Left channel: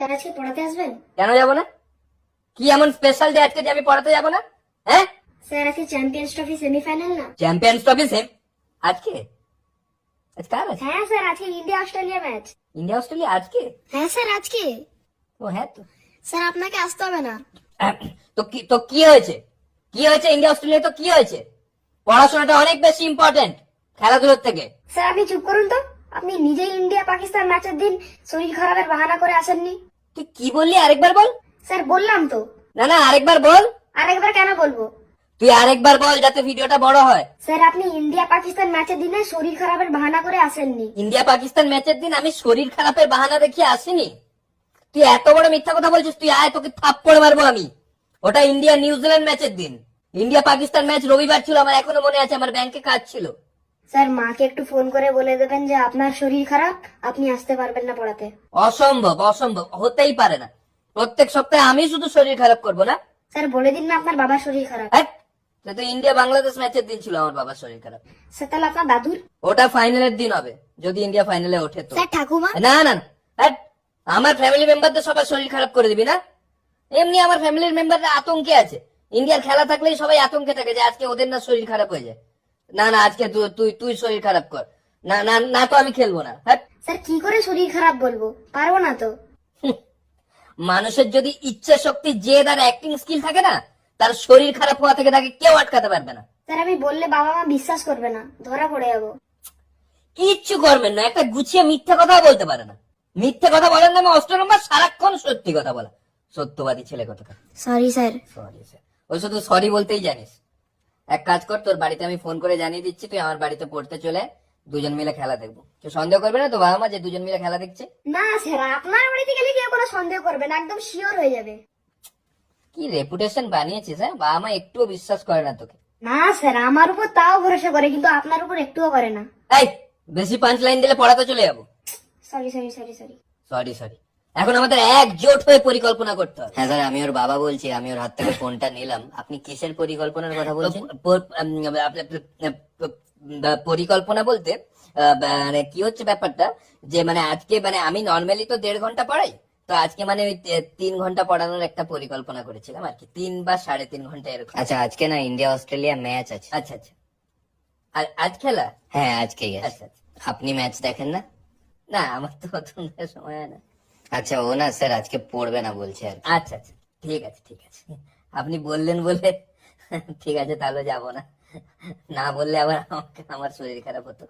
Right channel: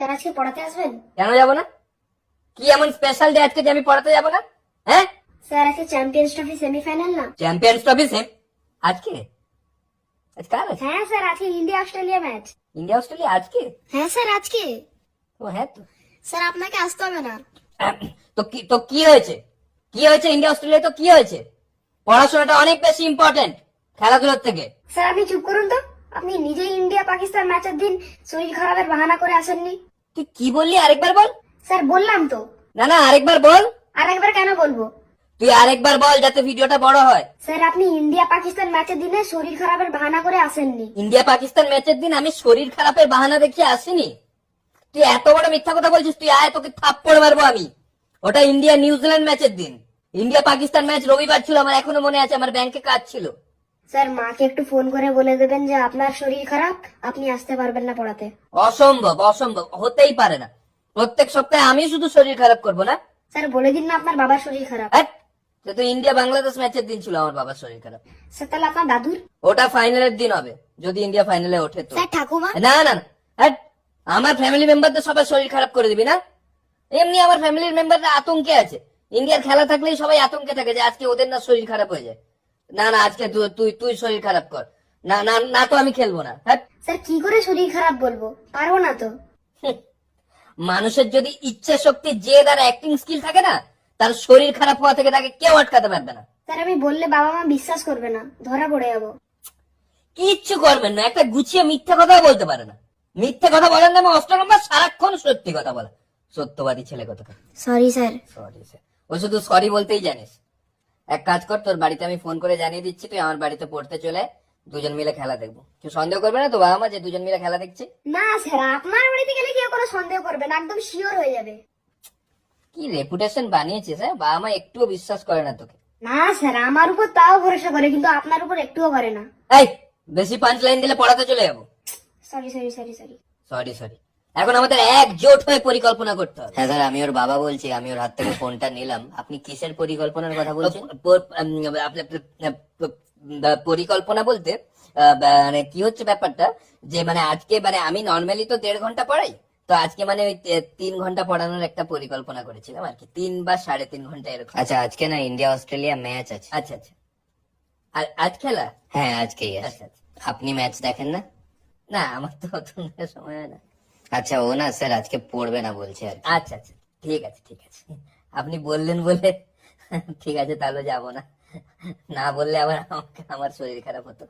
Sir আজকে পড়াতে আসবেন? কেন যাবো না? কি এমন স্পেশাল ডে আজকে যে আমি পড়াতে যাবো না? হ্যাঁ, স্যার আজকে চ্যাম্পিয়ন্স ট্রফি সেমিফাইনাল না? চ্যাম্পিয়ন্স ট্রফি সেম আজকে? আজকে কার আছে? হ্যাঁ স্যার, আজকে India Australia match. India Australia আজকে? হ্যাঁ স্যার আজকে। ও হ্যাঁ তো। স্যার আপনাকে আসতে হবে না। তো কি হয়েছে? কি হয়েছে ইন্ডিয়া অস্ট্রেলিয়া? তো কি হয়েছে? পড়াশোনাটা অনেক বেশি ইম্পর্টেন্ট খেলাধুলোর থেকে। স্যার আপনি চুপ করুন তো। আপনি নিজেই ইন্ডিয়া পাকিস্তান ম্যাচের দিন শরীর খারাপের বাহানা করে আসেননি। তুই কি বললি আরেকবার বল। স্যার বললাম তো। না না, আরেকবার বল। আরেকবার কেন বলবো? তুই আরেকবার বল যাতে ভিডিওটা বড় হয়। স্যার আপনি ইন্ডিয়া পাকিস্তান ম্যাচের দিনে শরীর খারাপের বাহানা করে আসেননি। ইন্ডিয়া পাকিস্তান ম্যাচের দিন আমি শরীর খারাপের বাহানা দেখিয়ে আসিনি? তুই এত বড় মিথ্যা কথা বলছিস, তুই আয় তোকে থাপ্পড় মারবো আমি। ওটা ইন্ডিয়া নিউজিল্যান্ড ম্যাচের দিন। ইন্ডিয়া পাকিস্তান ম্যাচ রবিবার ছিল, আমার এখনো মনে আছে, আমার ব্যাংকে কাজ ছিল। স্যার মাকে একটু ফোন করে বলে দেবেন যে আপনার শরীর খারাপ, আপনি আসতে পারবেন না পড়াতে। অসম্ভব, অসম্ভব, হতেই পারে না। প্রত্যেক সপ্তাহে আমি শুধু শরীর খারাপ করবো না? স্যার বলে দিন না আপনার বাবার শরীর খারাপ। হ্যাট! তো ইন্ডিয়া বাংলাদেশ ম্যাচের দিন ছিল আমার বাবার শরীর খারাপ। স্যার তাহলে আপনার দাদুর? ওটা ফাইনালের দিন হবে, যদি ইন্ডিয়া ফাইনালে ওঠে তো। স্যার ঠাকুমা? না না না, হ্যাট! আমার ফ্যামিলি মেম্বারদের সবার শরীর খারাপ করে দিবি না? এমনি আমার ফ্যামিলির মেম্বাররা আতঙ্কে আছে। ইন্ডিয়ার খেলা থাকলেই সবাই আতঙ্কে থাকে যে আজকে ওদের না শরীর খারাপ হয়ে যায়। না না, আজকে তুই তুই শরীর খারাপ কর। না না না, তো আমি খেলবো না। হ্যাট! স্যার কি করে শরীর খারাপ বলবো, পারবো না তো। মানুষের যদি ইচ্ছা শক্তি, জেদ আর অ্যাক্টিং স্কিল থাকে না, তার শরীর খারাপ হওয়া থেকে তাকে কেউ আটকাতে পারবে না। স্যার আমি বললে বাবা মা বিশ্বাস করবে না, ধরা পড়ে যাবো। কিচ্ছু করবেন না, একটা গুছিয়ে মিথ্যা কথাও বলতে পারে না। মিথ্যা কথা বলার নামে 8 নম্বর, সারাক্ষণ সত্যি কথা বলা। সত্যবাদী ছেলে কথা। Sorry sir. সরি স্যার, ও শুধু সরি বলতেই জানিস। এক কাজ কর, তোর বাড়িতে আমি ফোন করে জানিয়ে দিচ্ছি, তুই আমার বাড়িতে পড়তে চলে, দুজন মিলে খেলা দেখবো। তুই সন্দেহ করবে না তো বাবা মা যে দুজন মিলে খেলা দেখছি? না স্যার, আপনার বাড়িতে গেলে কেউ কোনো সন্দেহ করবে না, একদম শিওর হয়ে যাবে। কি রেপুটেশন বানিয়েছিস, হ্যাঁ? বাবা মা একটুও বিশ্বাস করে না তোকে। না স্যার, আমার উপর তাও ভরসা করে, কিন্তু আপনার উপর একটুও করে না। এই, বেশি পাঁচ লাইন দিলে পড়াতে চলে যাবো। Sorry sorry sorry sorry. Sorry sorry, এখন আমাদের একজোট হয়ে পরিকল্পনা করতে হবে। হ্যাঁ স্যার, আমি ওর বাবা বলছি, আমি ওর হাত থেকে ফোনটা নিলাম। আপনি কিসের পরিকল্পনার কথা বলছেন? পরিকল্পনা বলতে মানে কি হচ্ছে ব্যাপারটা, যে মানে আজকে মানে আমি নর্মালি তো 1.5 ঘন্টা পড়াই, তো আজকে মানে ওই 3 ঘন্টা পড়ানোর একটা পরিকল্পনা করেছিলাম আর কি, 3 বা 3.5 ঘন্টা এরকম। আচ্ছা, আজকে না ইন্ডিয়া অস্ট্রেলিয়া ম্যাচ আছে। আচ্ছা আচ্ছা, আর আজ খেলা? হ্যাঁ আজকেই আছে। আচ্ছা আচ্ছা। আপনি ম্যাচ দেখেন না? না, আমার তো অত সময় হয় না। আচ্ছা, ও না স্যার আজকে পড়বে না বলছে আর কি। আচ্ছা আচ্ছা, ঠিক আছে ঠিক আছে, আপনি বললেন বলে ঠিক আছে, তাহলে যাবো না। না বললে আবার আমার শরীর খারাপ হতো।